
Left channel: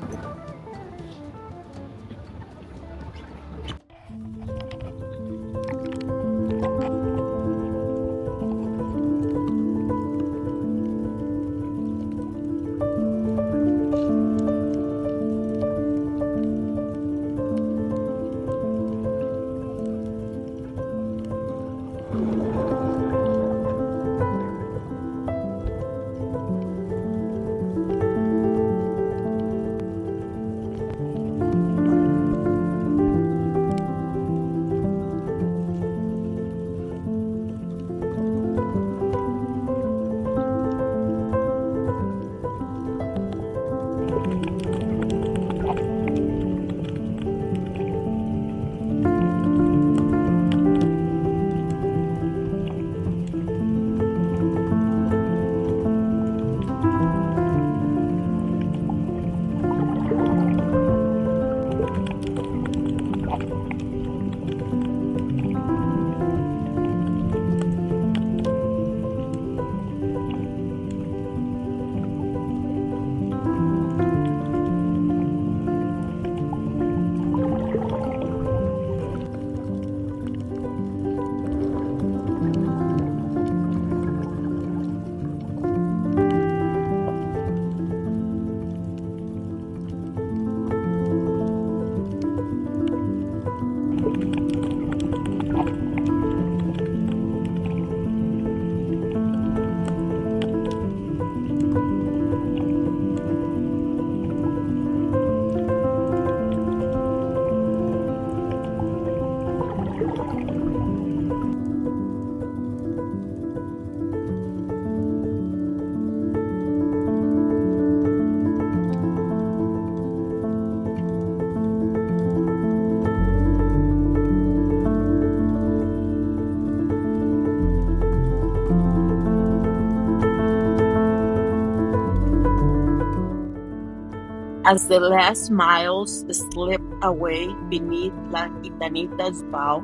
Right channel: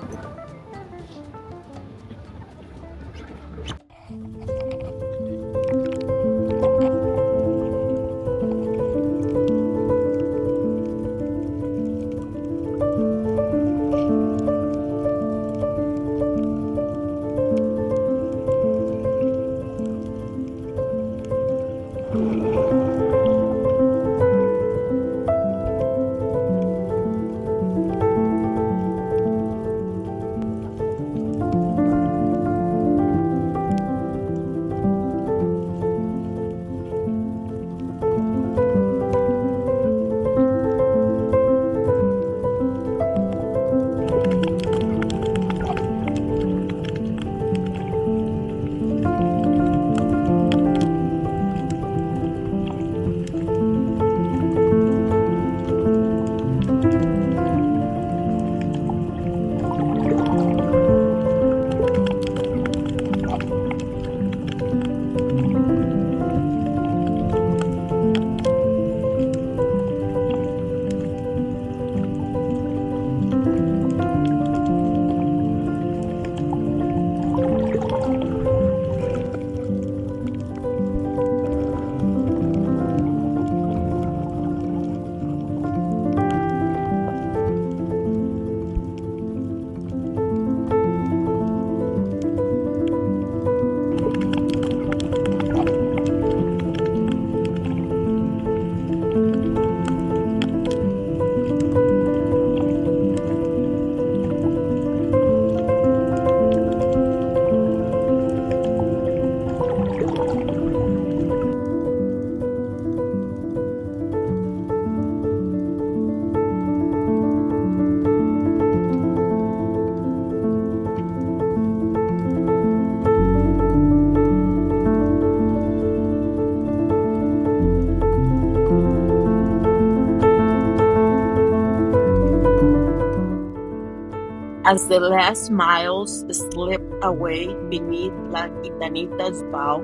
as the last miles slip away beneath La Gitanita's bow,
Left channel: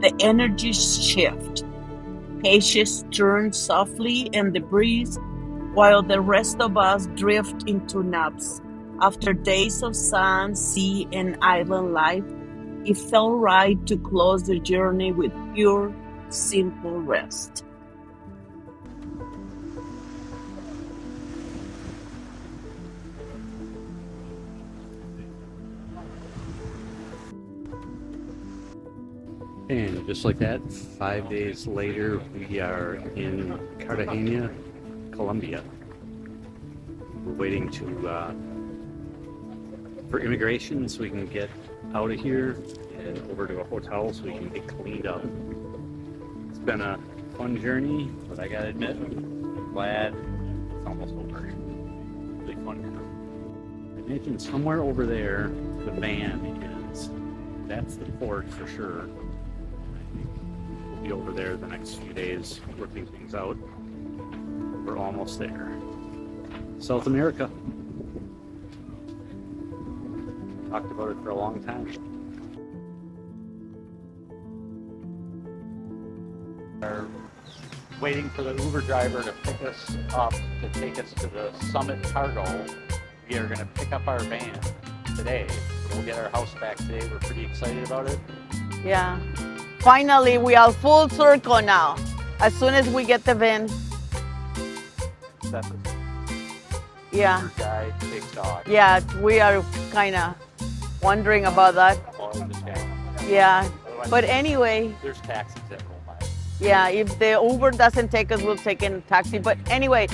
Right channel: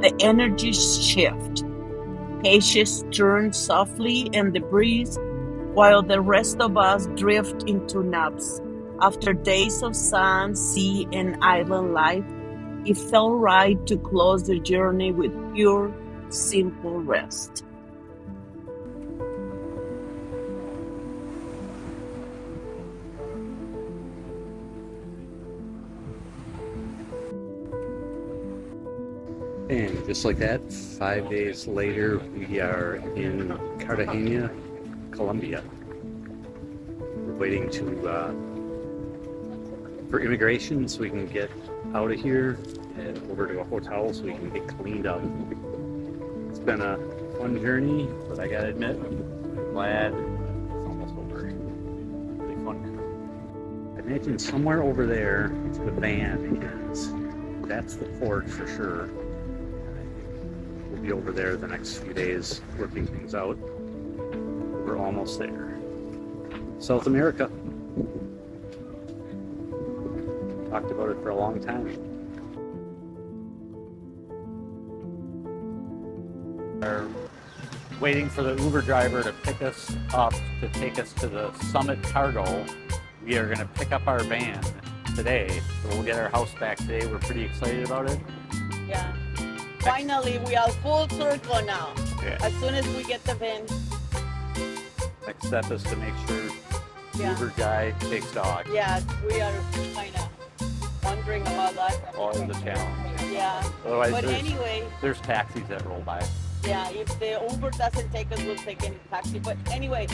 the energies shift. Pages turn softly and the breeze while the rest of us drift into naps. After days of sun, sea, and island life, it felt right to close the journey with pure, simple rest. And just like that, 5 days later, we are in Cartagena, Colombia. We're waiting for immigration so we can get out of here and over to a hotel so we can get cleaned up. It's been a fun journey, but I gotta admit, I'm glad it's almost over. Really fun. I imagine somewhere over there, the van is. That's the port for sure. We'll be over there the next few days working things out. We're almost there. South America. Talked about it for a long time. We're waiting for the Uber driver to pick us up to take us to the Summit Cargo. We are going to pick up our van today. So we'll get our house back today. We're pretty excited about it. Yeah. Finally, we are full circle now. Yeah. As soon as we get the van. Next step is to make sure Yeah. Uber guy takes dog Yeah, we are kind of wondering about that. on the channel. Yeah. Otherwise, But anyway, there's taxis that roll by. yeah, if the Uber doesn't take us, we'll take a taxi. But anyway,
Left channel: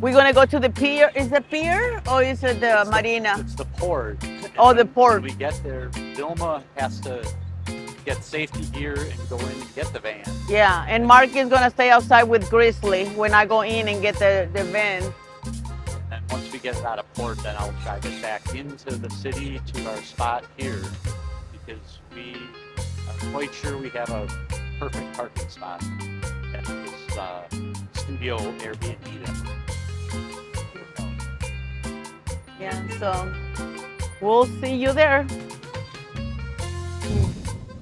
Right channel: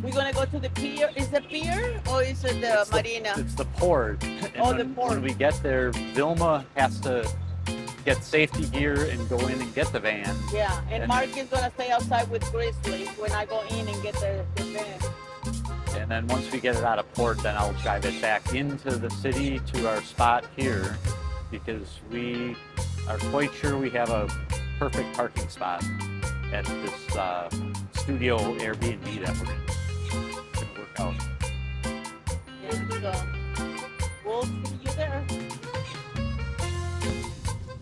we're going to go to the pier. Is it pier or is it the marina? It's the port. Oh, And the port. When we get there, Vilma has to get safety gear and go in and get the van. Yeah, and Mark is going to stay outside with Grizzly when I go in and get the van. And then once we get it out of port, then I'll drive it back into the city to our spot here because we are quite sure we have a perfect parking spot at this studio Airbnb that we're work out. Yeah, so we'll see you there.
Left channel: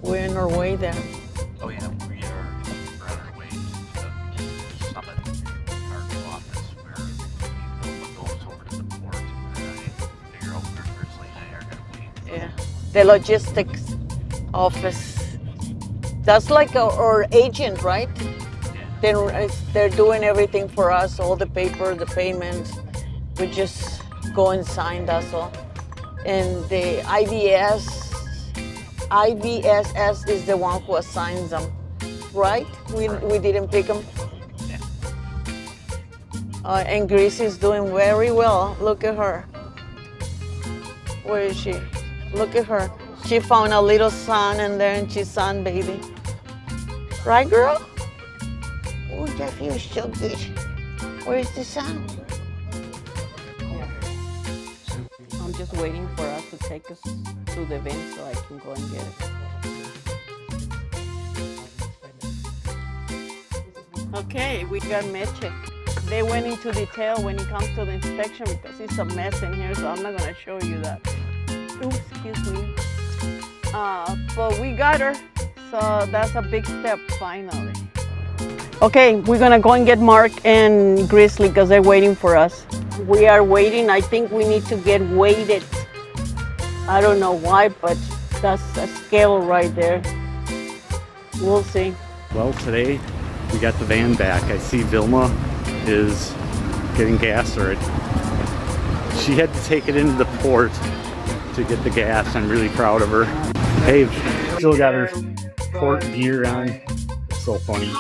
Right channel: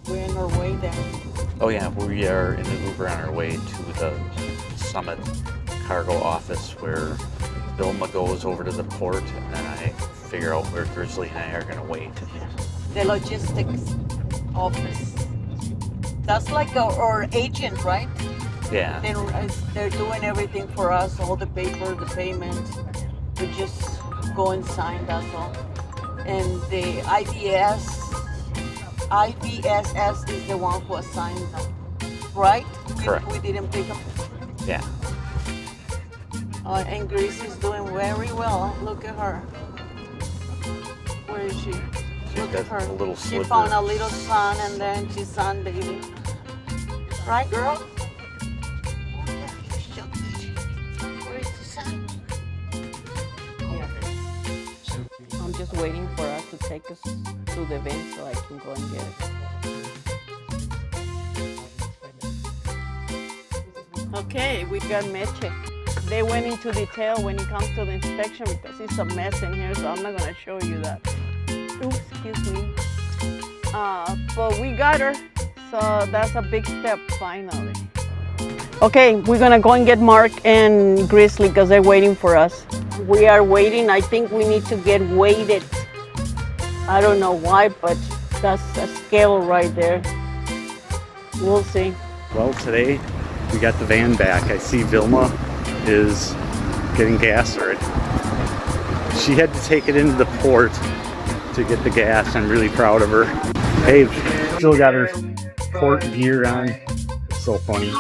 We're on our way there. Oh yeah, we are in an Uber on our way to the Summit Cargo office where Vilma goes over to the port and then I figure out where Grizzly and I are going to wait. Yeah, the logistics office. That's like our agent, right? Yeah. They're doing everything for us, all the paper, the payment. We just go and sign, that's all. And the IBSS is the one who assigns them, right? Correct. We didn't pick them. Yeah. And Grace is doing very well. Look at her. Where is she? Look at her. A little She slippery. found a little sun in there and she's sunbathing. Right, girl? Oh, that feels so good. Where's the sun? I'm just waiting for us to take us to the van so I can go and get it. Okay, we got Meche. They went into detail when it comes to the inspection because it's a mess in here, so I'm not gonna show you that. Oops, excuse me. But we got her, so that's a big step finally. Okay, we're gonna go and get Mark and Grizzly because they're waiting for us. We are waiting. I think we need to get weighted. I don't know why, but that's a scale right there. We'll see. Well, today we got the van back. I see Vilma is getting gas already. She had to take it into the port to get the gas. I'm really proud of her. Hey, still got her port gear on. So funny.